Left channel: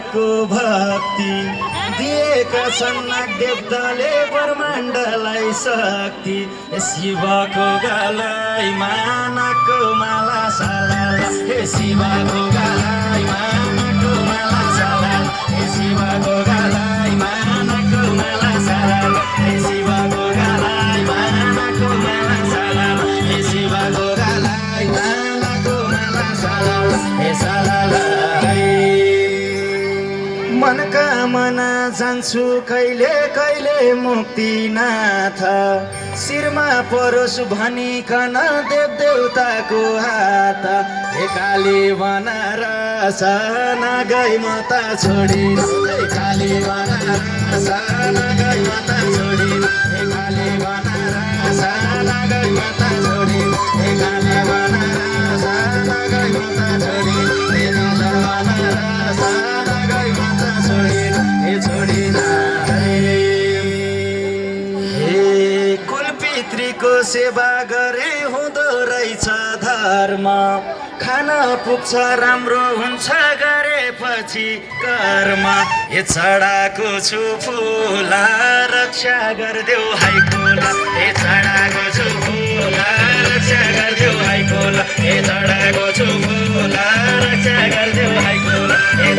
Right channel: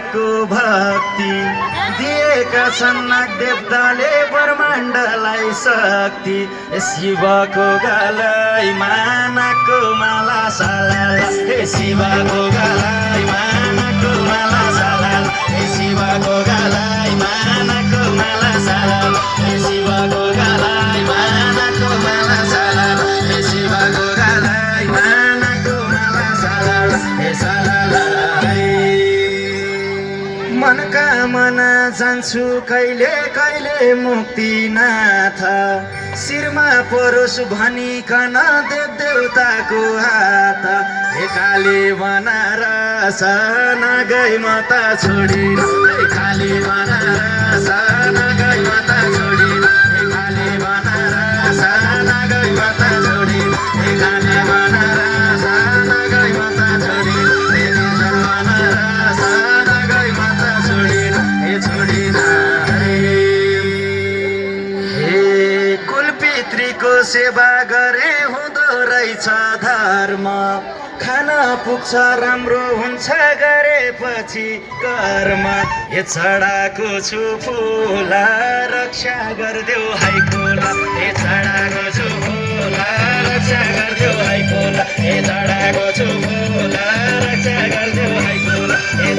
मानको भक्ति दिएका छन् नागदेवताले ब्रह्माण्डलाई शक्ति शिवको गलाई मानको माला सालाला हे शिवको गलाई मानको माला सालाला हे शिवको गलाई मानको माला सालाला हे शिवको गलाई मानको माला सालाला हे शिवको गलाई मानको माला सालाला हे सालाला मनका मना जान्छु कहिले कहिले मुक्तिनाथ शिरमा परोस् भनिकन देवदेवताको हात हे काली बनारस नगई माता छोडी हे काली बनारस नगई माता छोडी हे काली बनारस नगई माता छोडी हे काली बनारस नगई माता छोडी हे बनारस नगई माता छोडी हे छोडी पितृको सेवा गरे हुँदो रहेछ धर्म खाना पुग्छ राम्रो हुन्छ गरेपछि कर्म हे चढाको छु फुल रक्षा गरिदेऊ हाइकोल हे चढाको छु फुल रक्षा गरिदेऊ हाइकोल हे चढाको छु फुल रक्षा गरिदेऊ हाइकोल हे